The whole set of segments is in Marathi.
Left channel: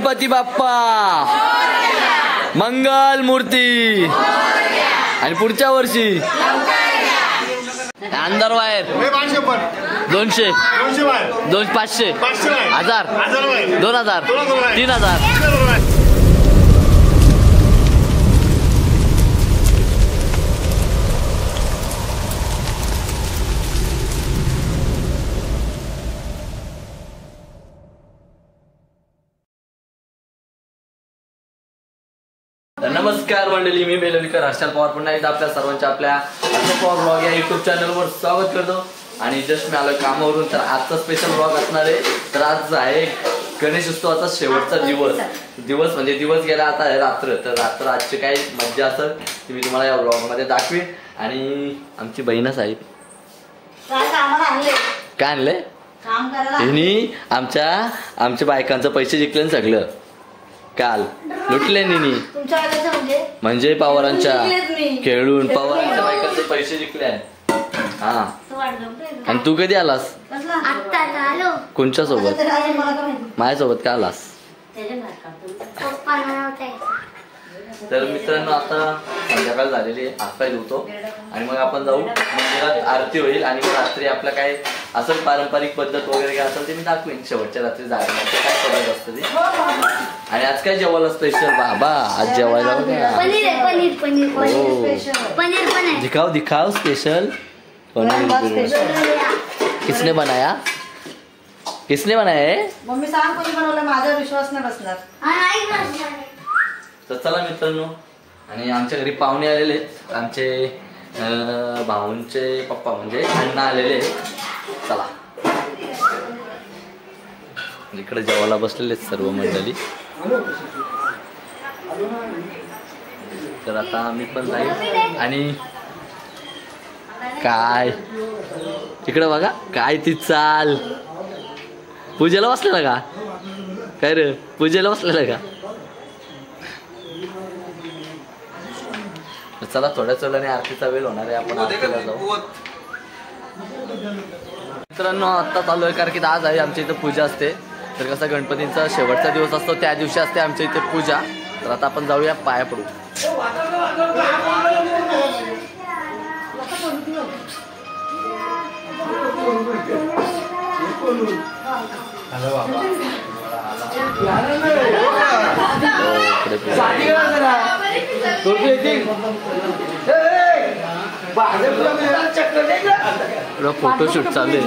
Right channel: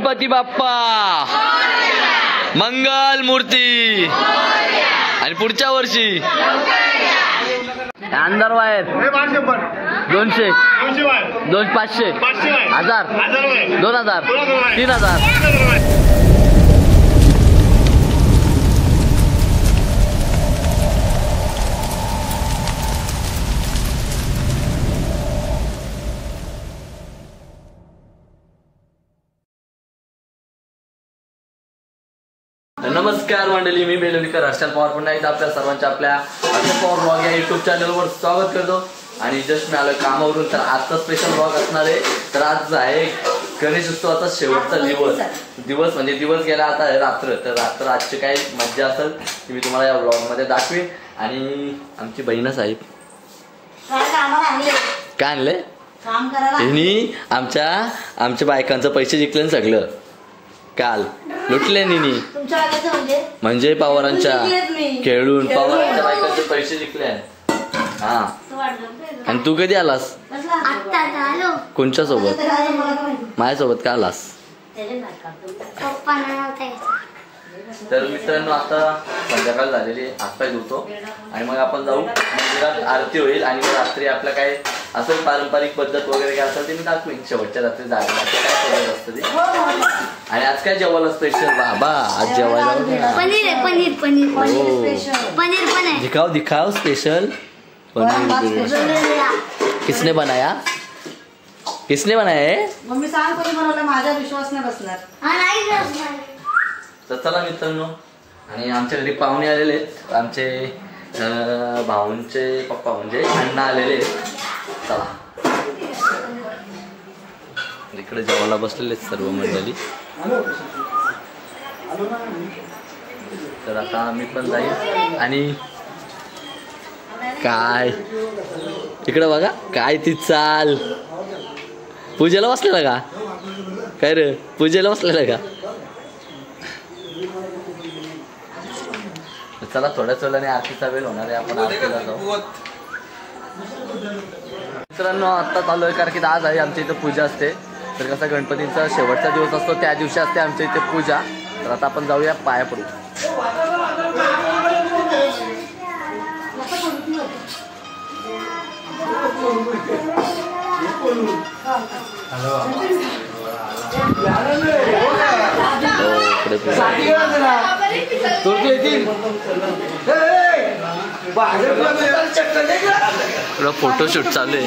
गणपती बाप्पा मंगल मूर्ती आणि पुढच्या वर्षी अंधार वायर 200 200 500 1000 2000 3000 नमस्कार मंडळी, मी बेलोलीकर हर्षल पवार पुन्हा एकदा आपल्या सर्वांच्या आपल्या हर्षल पवार ब्लॉग या युट्यूब चॅनलवर स्वागत करतो. आणि जस्ट मी आलो कामावरून, तर आजचा स्पेशल ब्लॉग असणार आहे. तर आज आहे गणेश उत्सवाचा शेवटचा दिवस म्हणजे दिवस गेला, आता आहे रात्र. तर रात्र आजची काय मज्जा असेल ती मी तुम्हाला या ब्लॉग मध्ये दाखवीन. आणि आमची बहीण साहेब काय आणले हिनी आमच्या बायकांचं पैसे जिंकले सगळं काल लुटले निनी, म्हणजे पवारांच्या खेळून पवारांच्या बायकांचे पैसे जिंकले. हा, आणि तू कधी आलास? कोणच्या सोबत? माझ्यासोबत का आलास? तर मित्रांनो, आता संध्याकाळ झालेली आहे, हातपाय धुतो आणि मग आपण जाऊ मंदिरात. आरती होईल आणि मग रात्री आपलं काय असं पारंपरिक पद्धत वगैरे काय असेल ते मी दाखवीन. शेवटच्या रात्री जायला काय पद्धत असते ती. आणि आज काय जेवायला स्पेशल बाबा? आज जेवायला दिखाओ स्पेशल पनीर. किसने बनाया मम्मी सांग कोणी बनवलं, माझा विश्वास नाही बसणार. तर चला मित्रांनो, आणि आमच्या घरी पाहुणे आलेले आहेत. आमचे भाऊंचे पप्पा म्हणजे अण्णा आलेले आहेत. चला, इकडे जेवायला बसलेले आहेत सर्व मंडळी. तर आता आम्ही पण जाईल. आणि काय इकडे बघा, काय ती चाल पूजेला बसलेला का? काय रे, पूजेला बसलेला का? चला, थोड्याच वेळाने आरतीचा वेळ होणार आहे, आपण आरतीला जाऊ. मित्रांनो, आता चालू आहे कारण की आज आहे आमच्या इथे पूजा असते. तर कसा गणपतींचा शेवटचा दिवस असतो त्या दिवशी असते आमच्या इथे पूजा. तर आता आपण जाऊया, पाया पडू. फोटोशूट चालू आहे.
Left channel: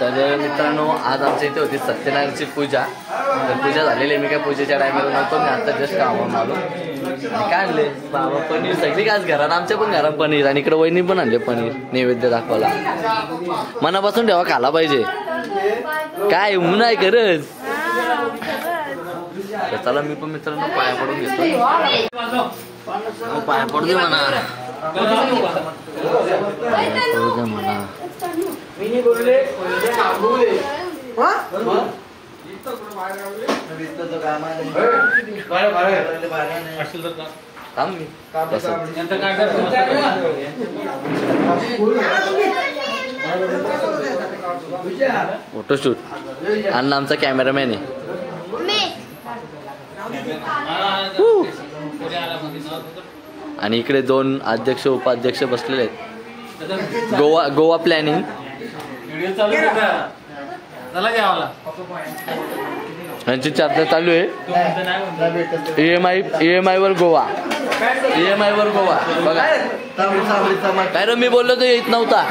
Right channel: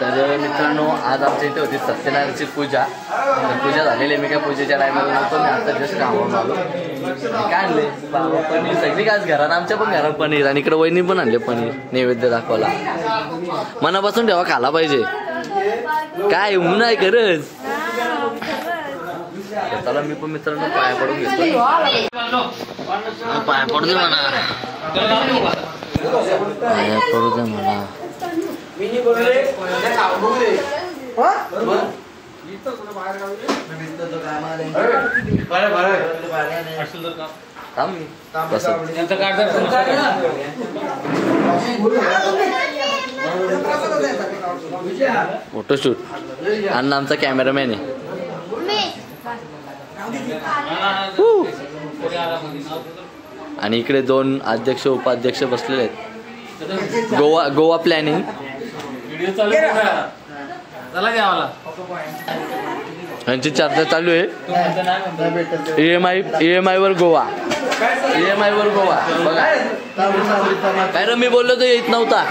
तर मित्रांनो, आज आमच्या इथे होती सत्यनारायणची पूजा. तर पूजा झालेली आहे. मी काय पूजेच्या टायमाला नव्हतो, मी आता जस्ट कामावरून आलो. आणि काय आणले बाबा? पनीर. सगळी काय घरात, आमच्या पण घरात पनीर. आणि इकडे वहिनी पण आणले पनीर नैवेद्य दाखवायला. मनापासून ठेवा, खाला पाहिजे. काय ऊन आहे खरंच. चला, मी पण मित्रांनो पाया पडून घेतो. पाया पडू दे म्हणा, पाया पडू दे म्हणा. फोटोशूट. अण्णा आमचा कॅमेरामॅन आहे. आणि इकडे 2 अध्यक्ष उपाध्यक्ष बसलेले आहेत. गोवा प्लॅनिंग. यांची चर्चा चालू आहे. EMI वर गोवा. बघा काय रे, मी बोललो तर येत नव्हता.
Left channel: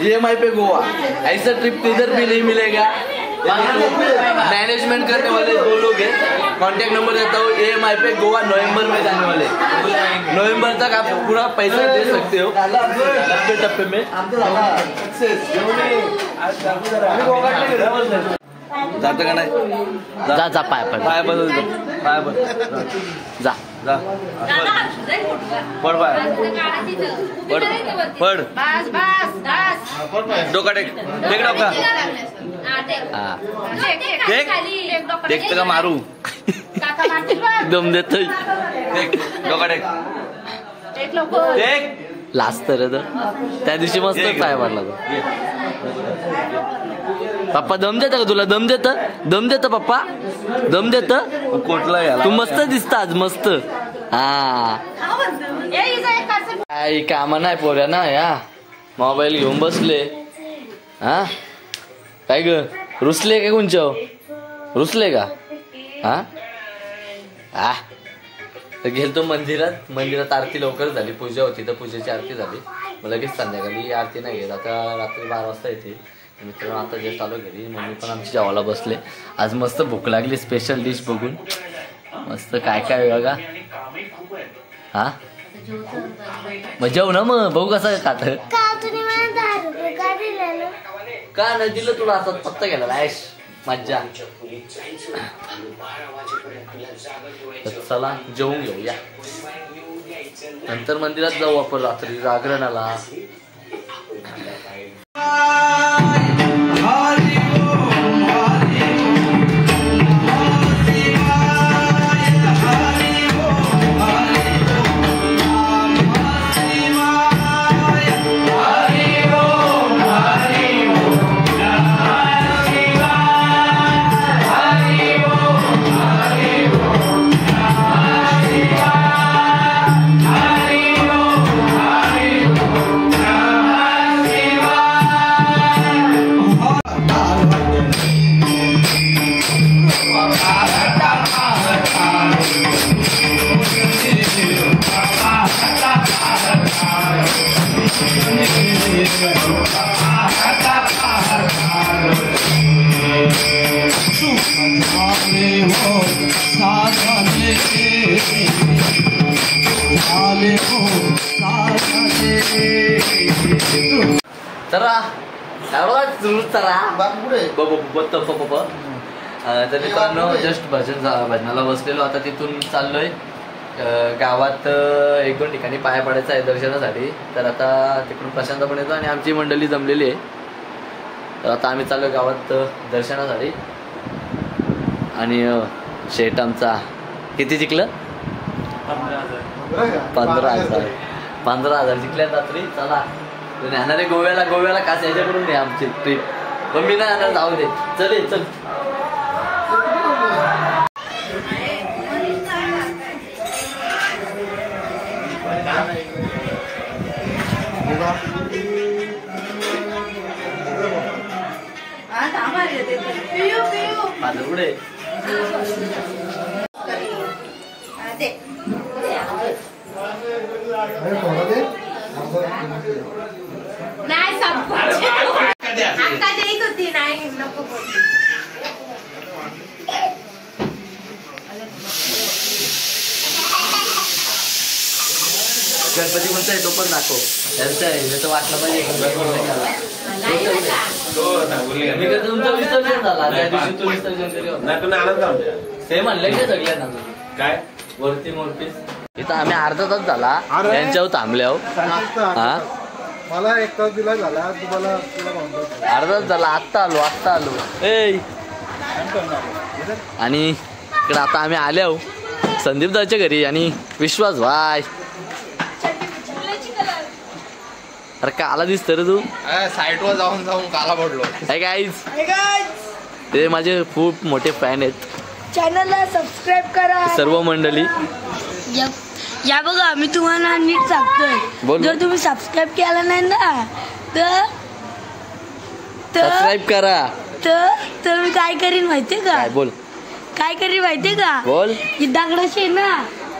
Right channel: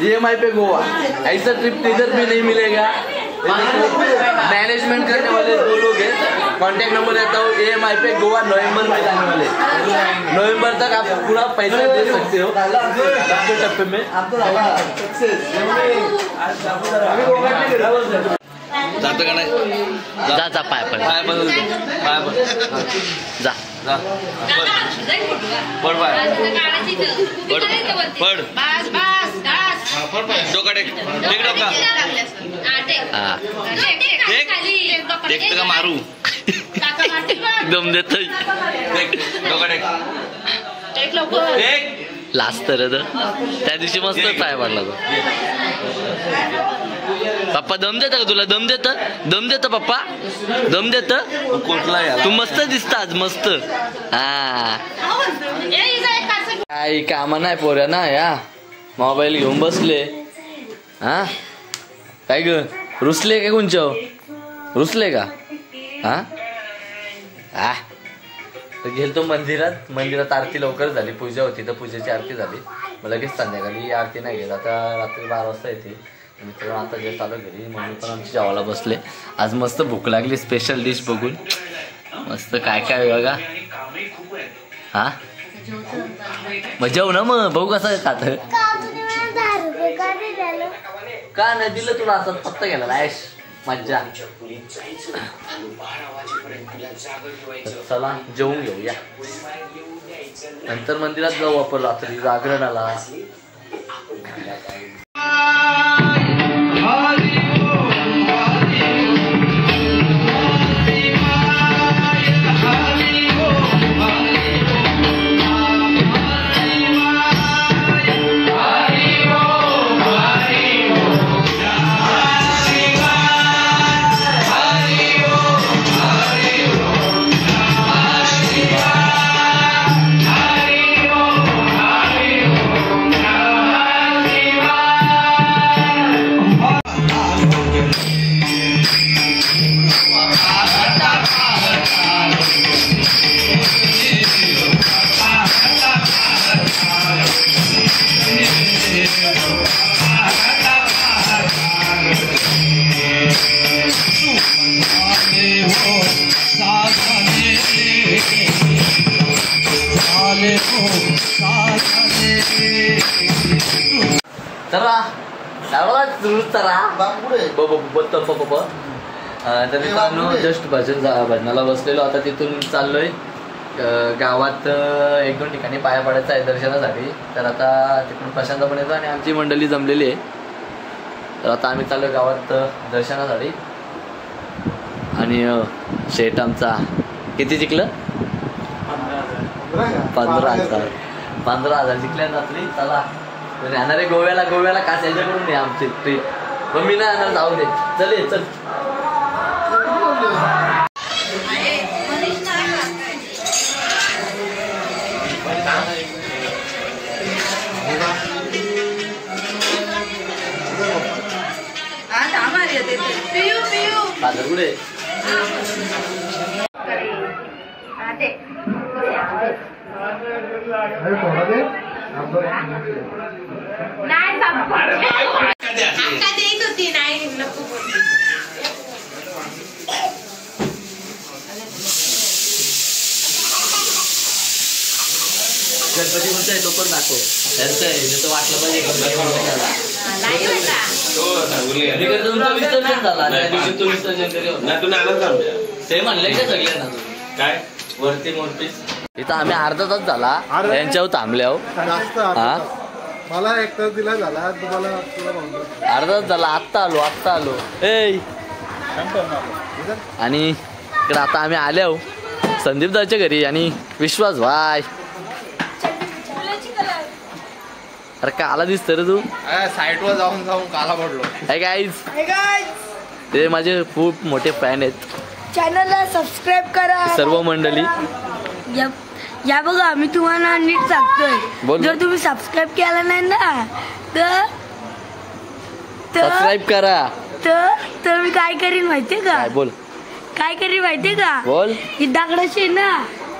EMI पे गोवा, ऐसा ट्रिप इधर भी नहीं मिलेगा. मैनेजमेंट करने वाले 2 लोग हैं. कॉन्टैक्ट नंबर देता हूँ. EMI पे गोवा नवंबर में जाने वाले. नवंबर तक आप पूरा पैसा दे सकते हो टप्पे में. जातं का नाही? जा पाय पड जा. पड डोका टेक डोका. देखते का मारू. दम देतोय लास्ट तर त्या दिवशी मस्त पाय पडला तो. पप्पा दम देत का तुला? दम देत पप्पा? दम देत? तू मस्त दिसत आज मस्त. हा काही कामा नाही पोऱ्या ना या मोबाईल घेऊन बसले. हा काय ग रुसले का कोणच्या? रुसले का? हा गेलतो मंदिरात आरती लवकर झाली. पूजा होती तर पूजेची आरती झाली. मग लगेच संध्याकाळी आरती नाही घेत. आता रात्री 12 वाजता येते. मित्रांनो आता जस्ट आलो घरी. मम्मी पण आमची जेवायला बसले. आज मस्त भूक लागली स्पेशल डिश बघून. मस्त काय काय बघा. हा मग जेव ना मग बघू कसं खात. का नाही दिलं तुला? आता फक्त गेला ऐश मज्जा. चला जेवून घेऊया नंतर मंदिरात जाऊ आपण रात्री जागरणाला. तर मित्रांनो जस्ट भजनाला बसलेलो. आता तिथून चाललोय गावात 1-2 ठिकाणी पाया पडायचं आहे दर्शनासाठी. तर आता तिकडून प्रशांत पण येतो आणि आमची मंडळी जमलेली आहे. तर आता आम्ही चाललो गावात दर्शनासाठी. आणि शेट आमचा किती जिंकलं? 15,000 जिंकल्या रात्री. चला येणारे गोव्याला खास याच्याकडून नाही आमची ट्रीप. पण मी नाही येणार जाऊ दे. चल कुठे होती नाही नको गणपती म्हणतोय तो पण दाखव. त्यांचं आहे जसं वाटलं पाहिजे. तुमचं विसर्जन झाला त्या दिवशी. तू विसर्जन ते म्हणले का सगळ्यांना? काय वरती मूर्ती इथं आम्ही अर्धा तास झाला यांच्यावर थांबल्यावर. हा मला 1 तास दिला झाला. तुम्हाला अर्धा तास झाला. आत्ता आलो आणि इकडे आता आम्ही आलो संदीप दाच्या घरी. आणि विश्वास भाई अरे काला दिसत रे तू? साईट वर जाऊन काला पडलो. हाय गाईज ते माझे खूप मोठे फॅन आहेत. चॅनलला सबस्क्राईब करा सर्व मंडळी. या बघा मी तुम्हाला नीट सांगतोय. जर तुम्ही सबस्क्राईब केला नाही ना तर सबस्क्राईब करा. तर मी काय करीन माहितीये का? बोल काय करीन माहितीये का? बोल. ही दगडाशी ना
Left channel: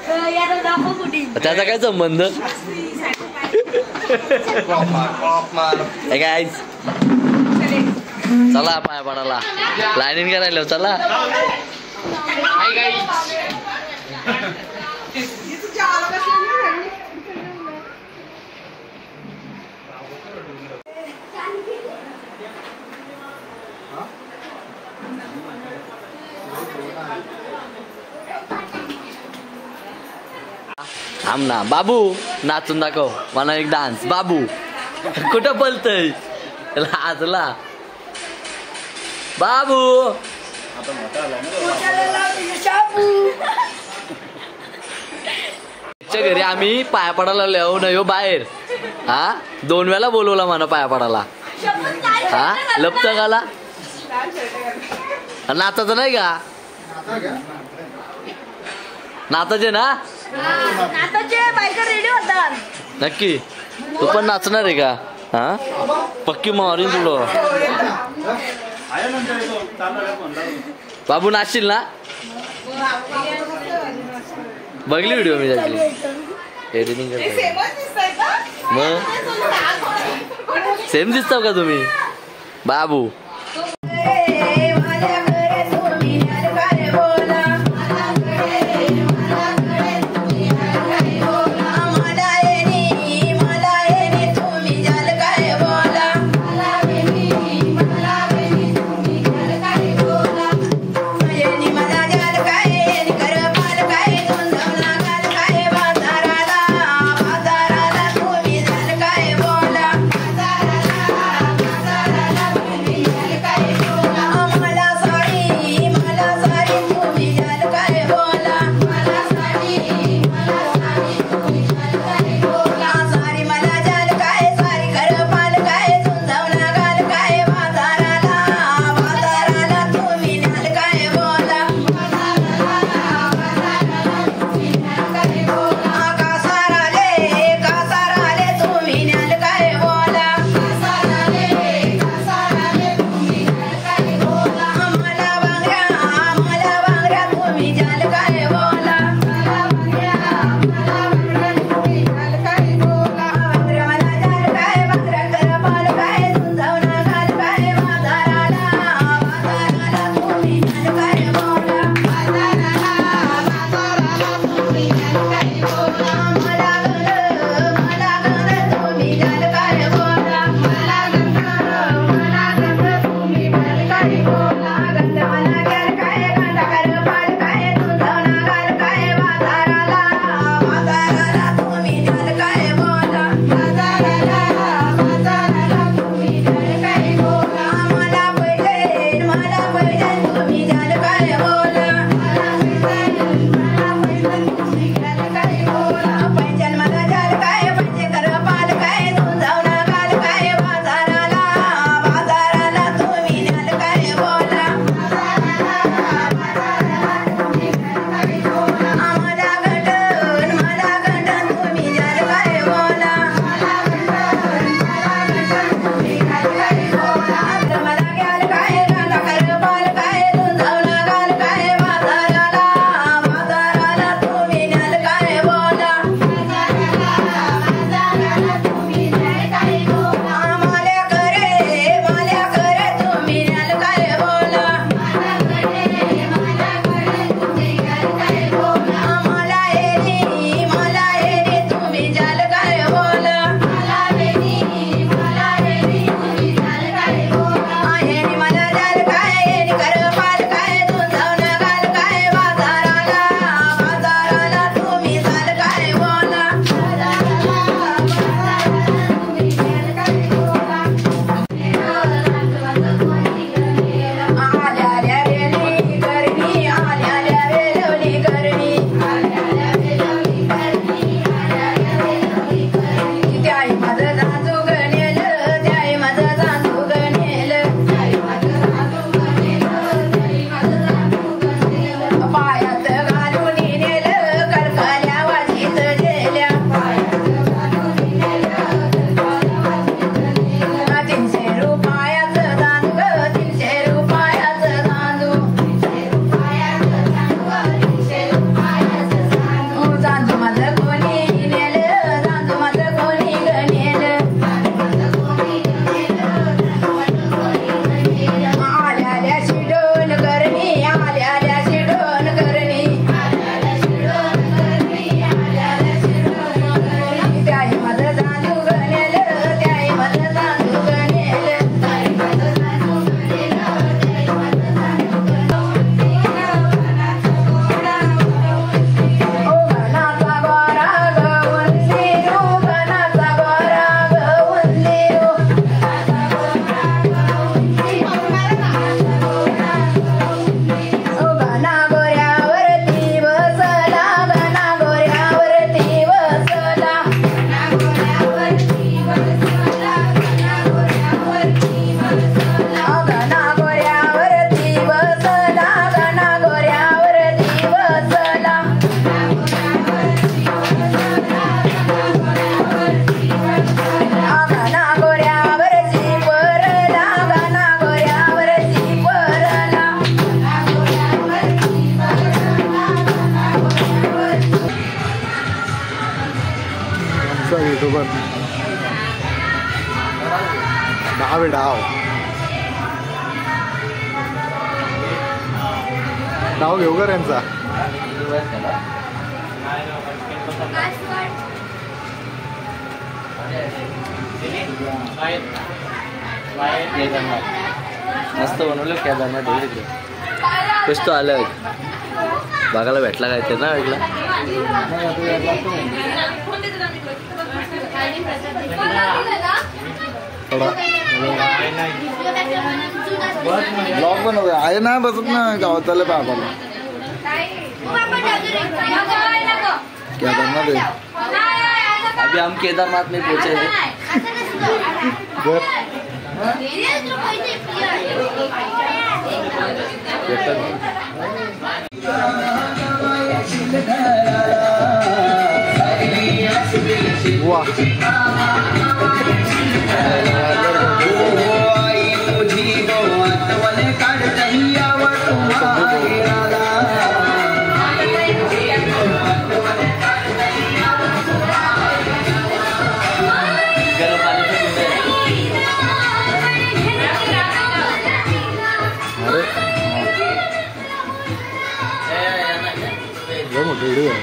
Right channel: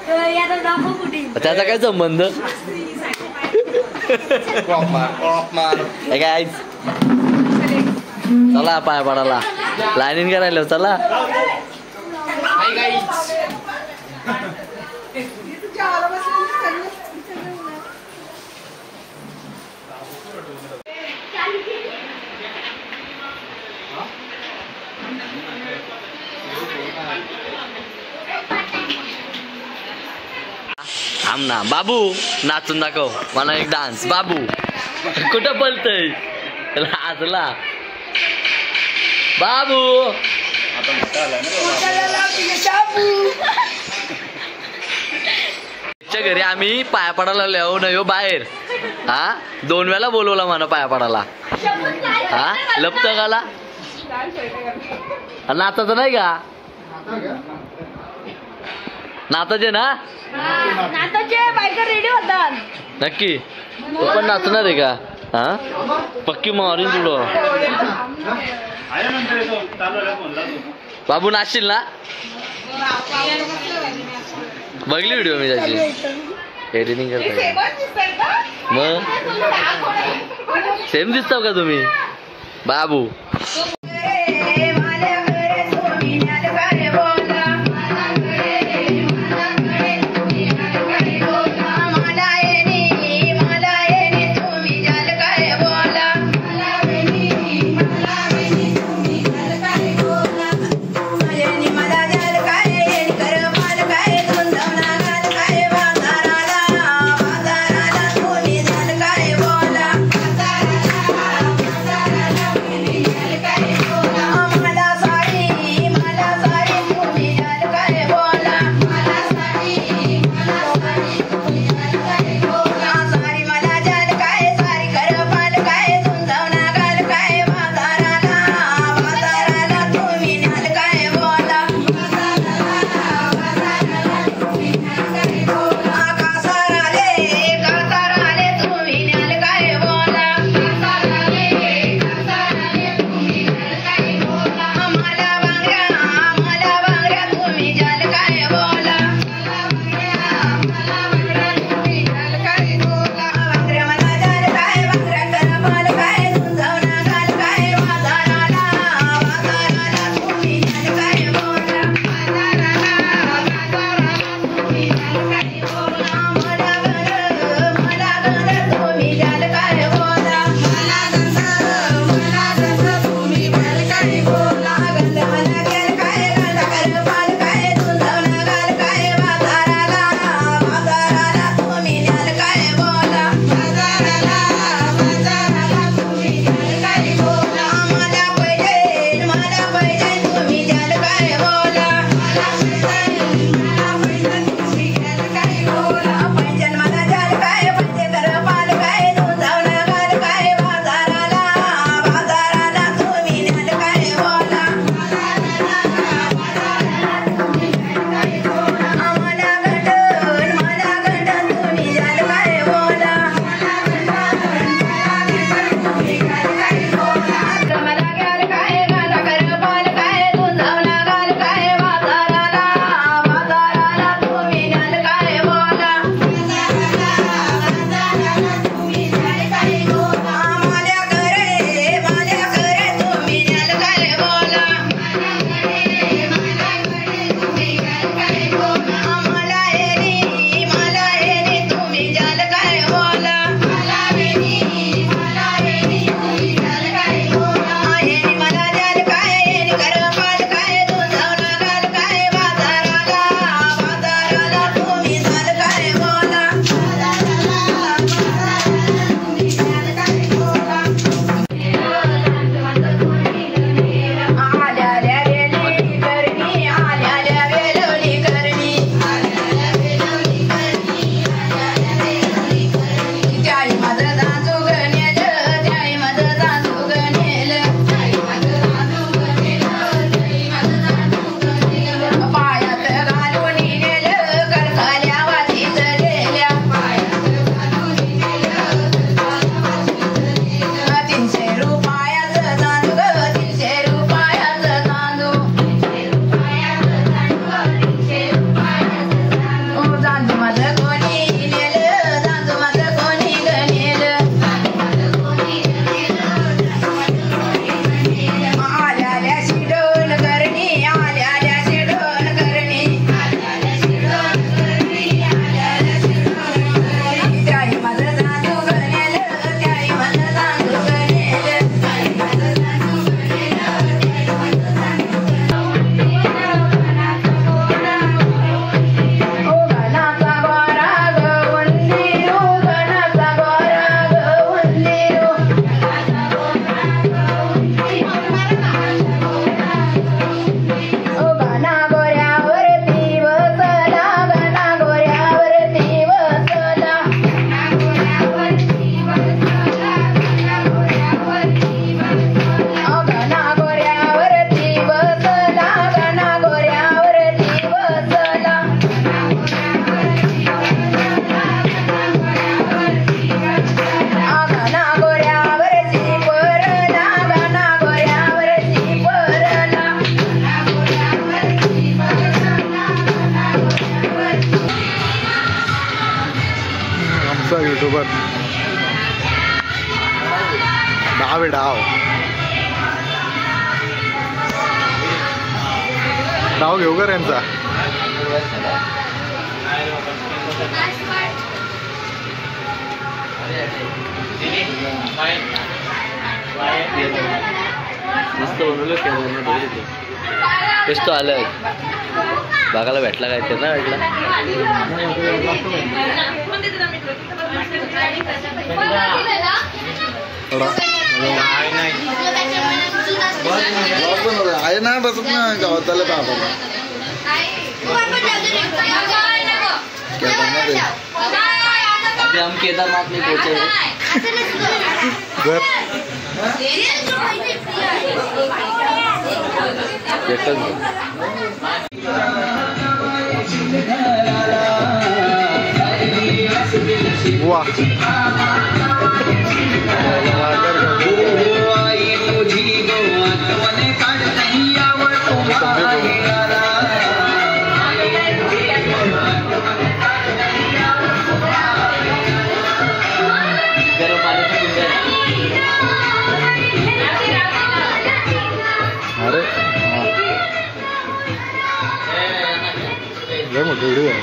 याला दाखव कुठे. त्याचा काय संबंध? गाईज चला पाय पडायला प्लॅनिंग करायला. चला थांब ना बाबू नाचून दाखव मला एक डान्स. बाबू कुठं बोलतय? हसला बाबू. घरी आम्ही पाया पडायला लिहू नये बाहेर. हा 2 वेळा बोलवला मला पाया पडायला. हा लपत गाला नाचाचं नाही का? नाचाचे ना नक्की. तू पण नाचणार आहे का? हा पक्की मारून तुडो. बाबू नाचशील ना? बघली व्हिडिओ मी त्याची एडिटिंग करता. मग सेम दिसता का तुम्ही बाबू? बसला गणा गोऱ्यावरती बसला गणा गोऱ्यावरती परला गणा गोऱ्यावरती परला आमचा युट्यूबर डाव आहे डाव डाव घेऊ का यांचा मस्त बनवलं टेस्ट आलं बघायला भेटला काय ते ना वेगळं आहे ना बसत ना गावताला पाहतो अभी हम केदारनाथ में पहुंचे वाह अरे लय मोठी व्हिडिओ आहे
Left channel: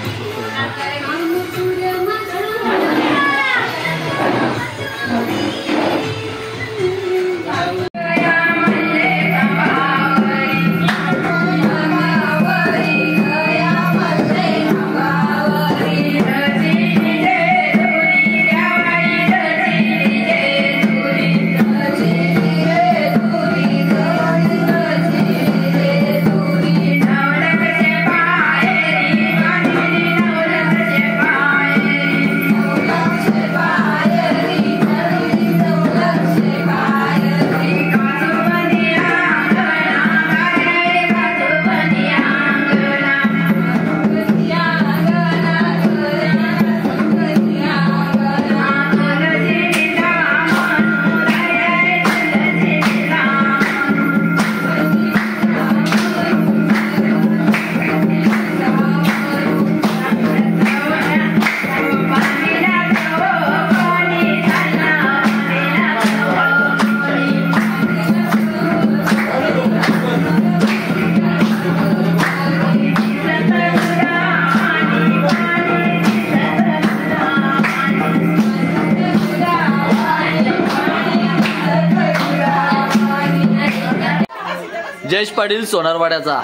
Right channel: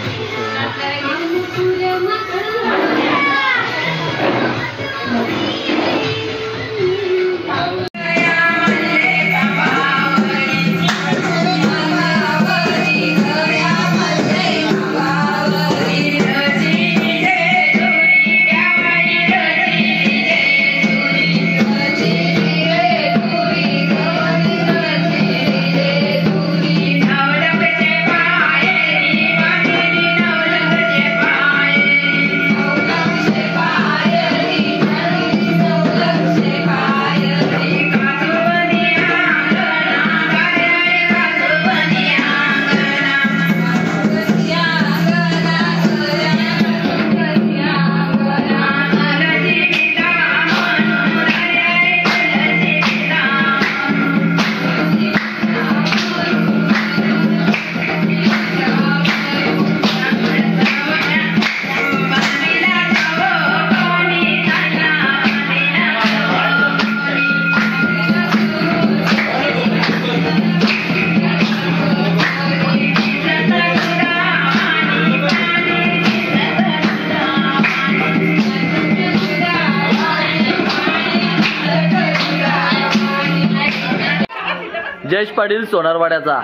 जयेश पाटील सोनारवाड्याचा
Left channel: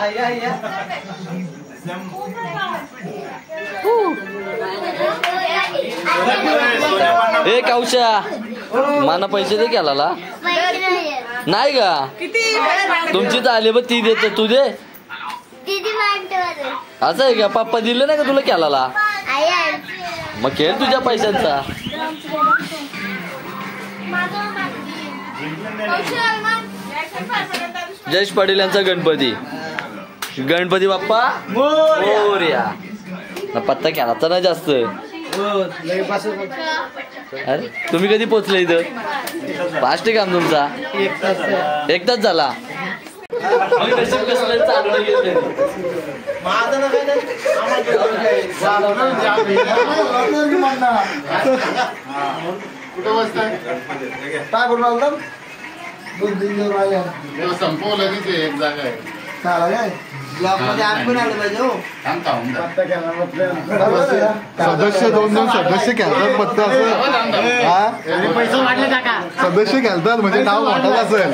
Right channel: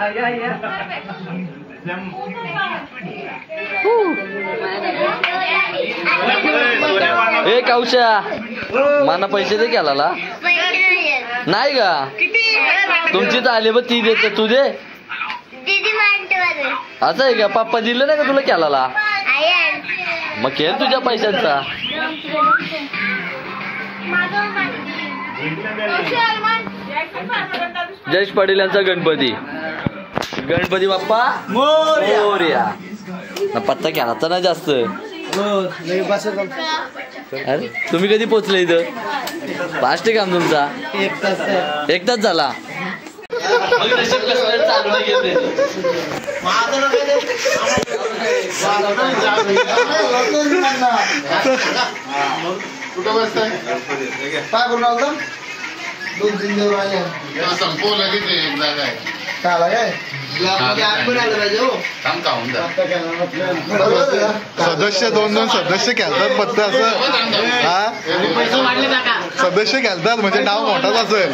हे कावशा माना पैसे दे केला नाही का तुमची तर आली बघ ती देत तू दे असं आहे का पप्पा दिलं नाही का तुला केला मग खेळ तुझ्या पैशांचा जयेश पाटील यांचा गणपती गणपती बाप्पा मोरया पत्ता केला तर ना जास्त अरे तुम्ही कधी पोचले इथं फास्ट काम तुमचा एक तास झाला कुठं बसतंय काय करून आलो 2-3 दिवस राहिले संपवलं तिथे एक जागा आहे काय काय सदस्य 2-2 सदस्य खेळतात फक्त असं हा सदस्य खेळतात म्हणजे नाव मोठाच असेल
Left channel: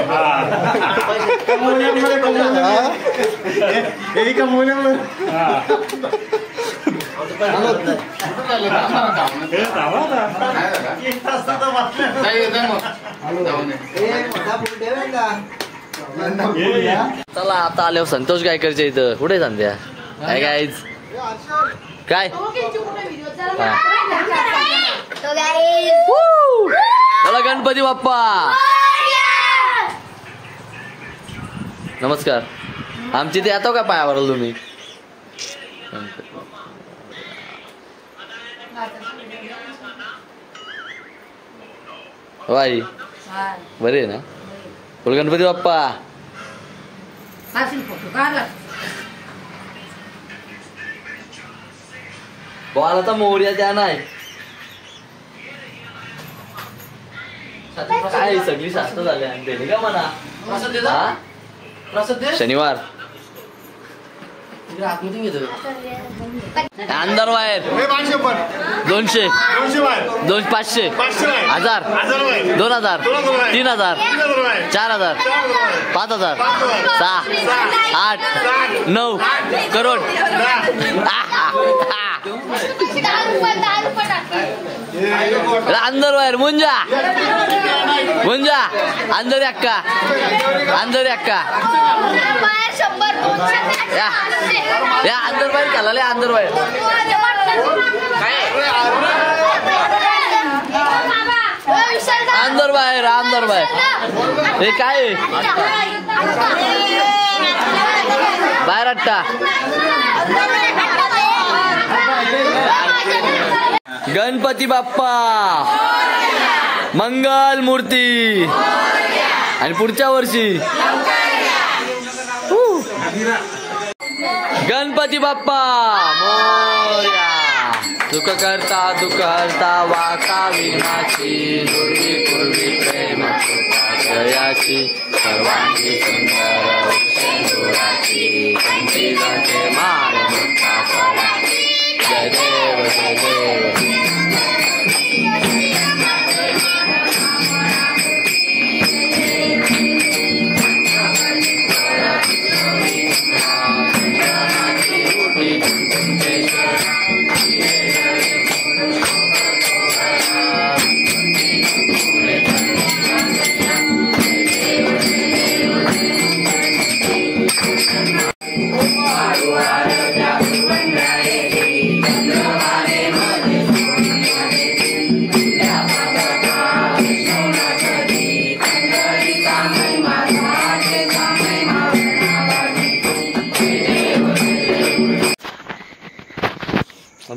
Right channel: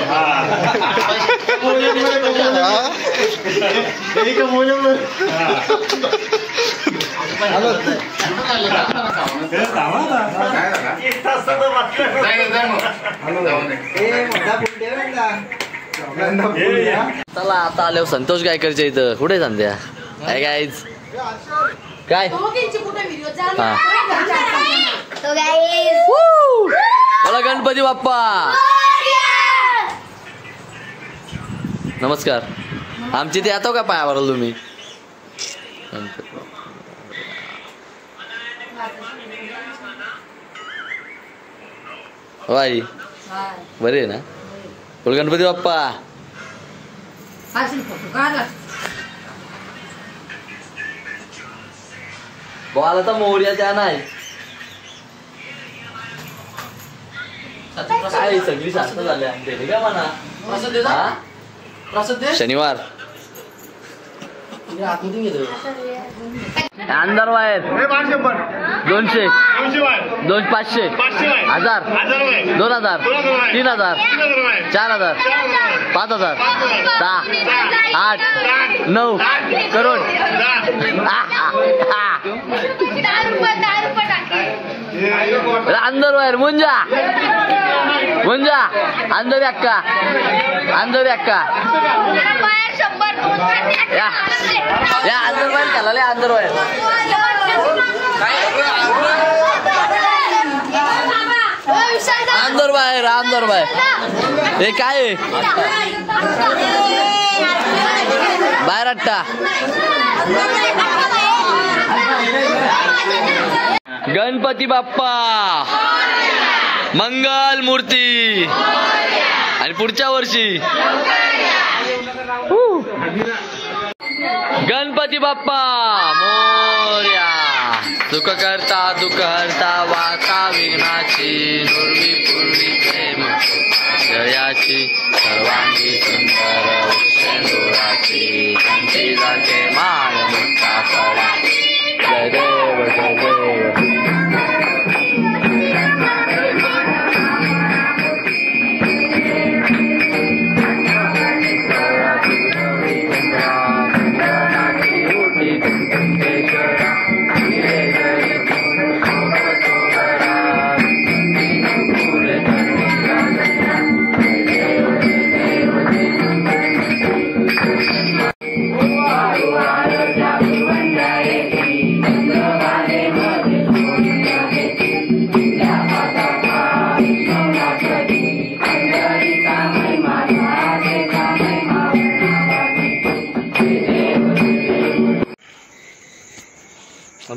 चला आता आलो संतोष गायकरच्या इथं कुठे संध्या काय गायज काय बोला गणपती बाप्पा नमस्कार आमची ते येतो का पायावर तुम्ही आई बरे ना बोल गणपती बाप्पा बोला तर मोर्या त्या नाही काय सगळी शास्त्र झाली का म्हणा शनिवार अंदर वायर 200 500 1000 2000 3000 4000 5000 6 8 9 करोड अंदर वायर मुंजा अंदर अक्का या अंदर वायर चालले अंदर वायर अंदर बाहेर हे काय बाहेर अट्टा गणपती बाप्पा मंगल मूर्ती आणि पुढच्या वर्षी गणपती बाप्पा मोरया सुख करता दुःख हरता वार्ता विघ्नाची नुरवी पूर्वी प्रेम जयाची सर्वांगी सुंदर शेंदुराची कंठीचे माळ मुक्ता फळा जय देव जय देव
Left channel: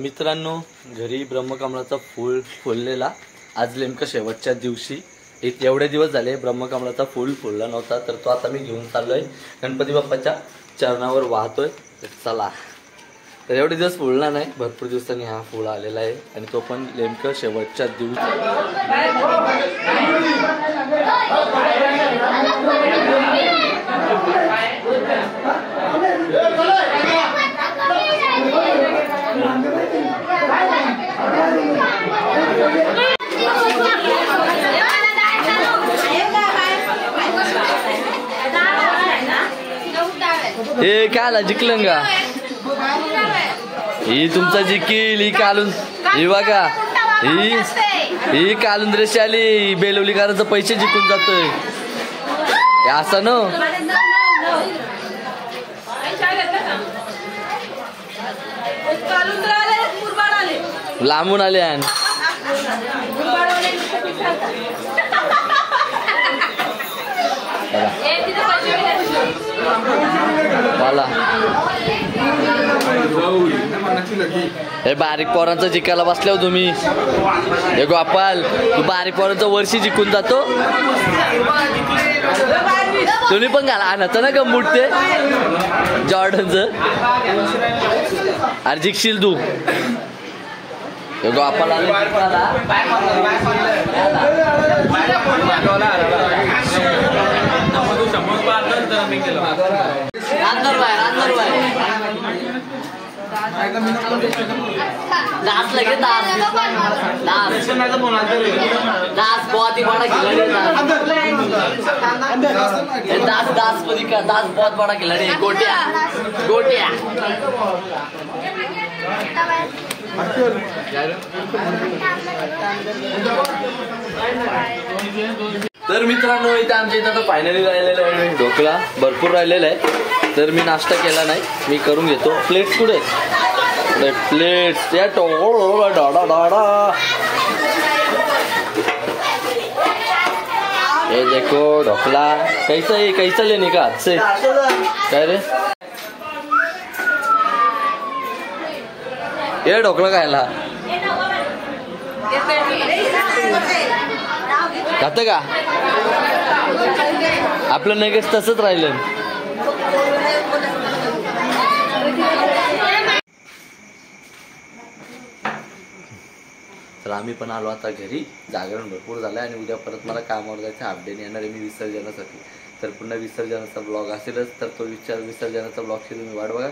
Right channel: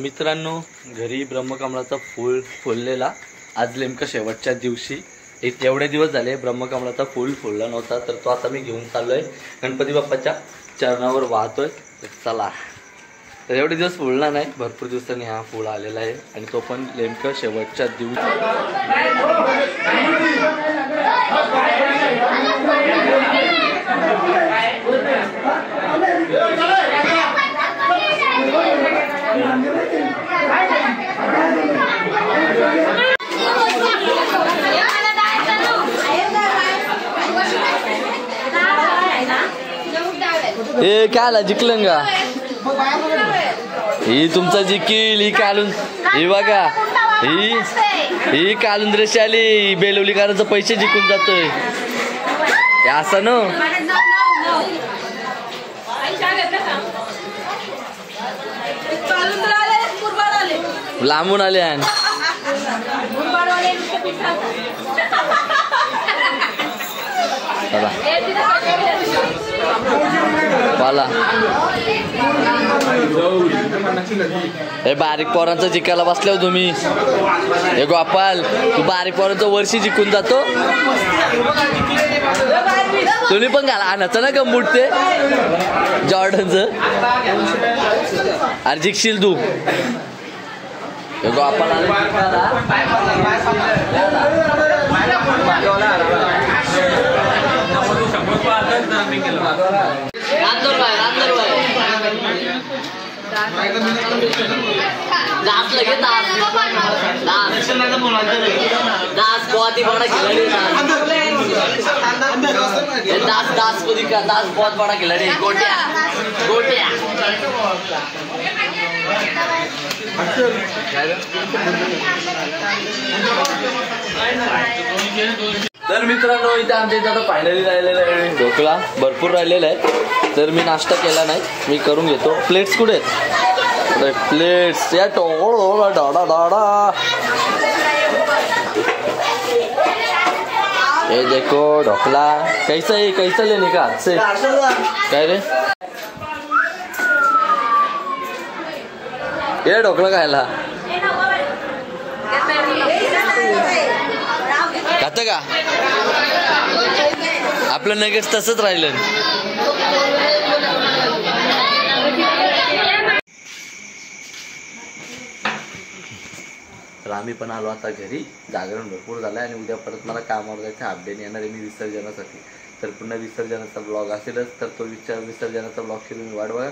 मित्रांनो घरी ब्रह्मकमळाचा फूल फुललेला आज नेमकं शेवटच्या दिवशी एवढे दिवस झाले ब्रह्मकमळाचा फूल फुलला नव्हता तर तो आता मी घेऊन चाललोय गणपती बाप्पाच्या चरणावर वाहतोय चला तर एवढे दिवस फुलला नाही भरपूर दिवसांनी हा फूल आलेला आहे आणि तो पण नेमकं शेवटच्या दिवशी हे काय जिंकलं का ही तुमचा जिंकील ही कालून ही बघा ही कालून रेषी आली बेलवलीकरांचं पैसे जिंकून जातोय असं न लांबून आले मला हे बारीक पोरांचं जिंकायला बसल्या तुम्ही हे गोपाल तू बारीक पोरांचं वर्षी जिंकून जातो तुम्ही पण घाला आणायचं ना गंबूट ते जॉर्डनचं अरे जिंकशील तू गोपाल दास लगे दास बहुत ही बड़ा खिलाड़ी दास बहुत बड़ा खिलाड़ी गोटिया तर मित्रांनो इथे आमच्या इथं आता फायनली राहिलेला आहे ढोकळा भरपूर राहिलेला आहे तर मी नाश्ता केला नाही मी करून घेतो प्लेट्स कुठे प्लेट्स या डाडा डाडा ये देखो ढोकला कैसा लेने का हाथ से काय रे ये ढोकला खायला खातं का आपलं नगेच तसंच राहिलं तर आम्ही पण आलो आता घरी जागरण भरपूर झालं आणि उद्या परत मला कामावर जायचं हाफ डे येणार आहे मी विसर्जनासाठी तर पुन्हा विसर्जनाचा ब्लॉग असेलच तर तो विसर्जनाचा ब्लॉगची तुम्ही वाट बघा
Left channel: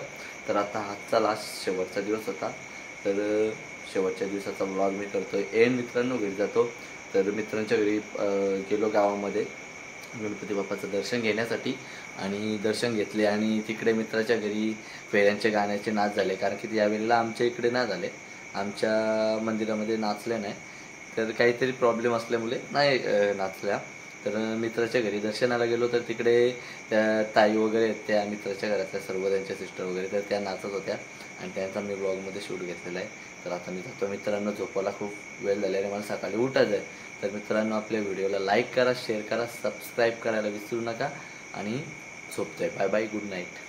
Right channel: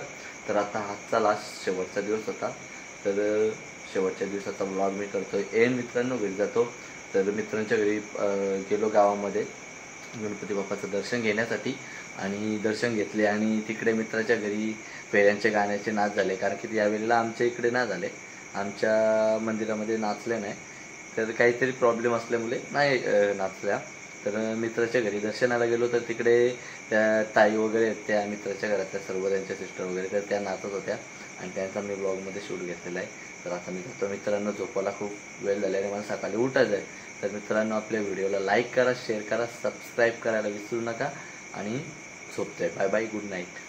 तर आता आजचा लास्ट शेवटचा दिवस होता तर शेवटच्या दिवसाचा ब्लॉग मी करतोय एंड मित्रांनो घरी जातो तर मित्रांच्या घरी गेलो गावामध्ये गणपती बाप्पाचं दर्शन घेण्यासाठी आणि दर्शन घेतले आणि तिकडे मित्राच्या घरी फेऱ्यांचे गाण्याचे नाच झाले कारण की यावेळेला आमच्या इकडे नाही झाले आमच्या मंदिरामध्ये नाचले नाही तर काहीतरी प्रॉब्लेम असल्यामुळे नाही नाचल्या तर मित्राच्या घरी दर्शनाला गेलो तर तिकडे त्या ताई वगैरे त्या मित्राच्या घरातल्या सर्व त्यांच्या सिस्टर वगैरे तर त्या नाचत होत्या आणि त्यांचा मी ब्लॉगमध्ये शूट घेतलेला आहे तर आता मी जातो मित्रांनो झोपायला खूप वेळ झाल्याने मला सकाळी उठायचं आहे तर मित्रांनो आपल्या व्हिडिओला लाईक करा शेअर करा सबस्क्राईब करायला विसरू नका आणि झोपतोय बाय बाय गुड नाईट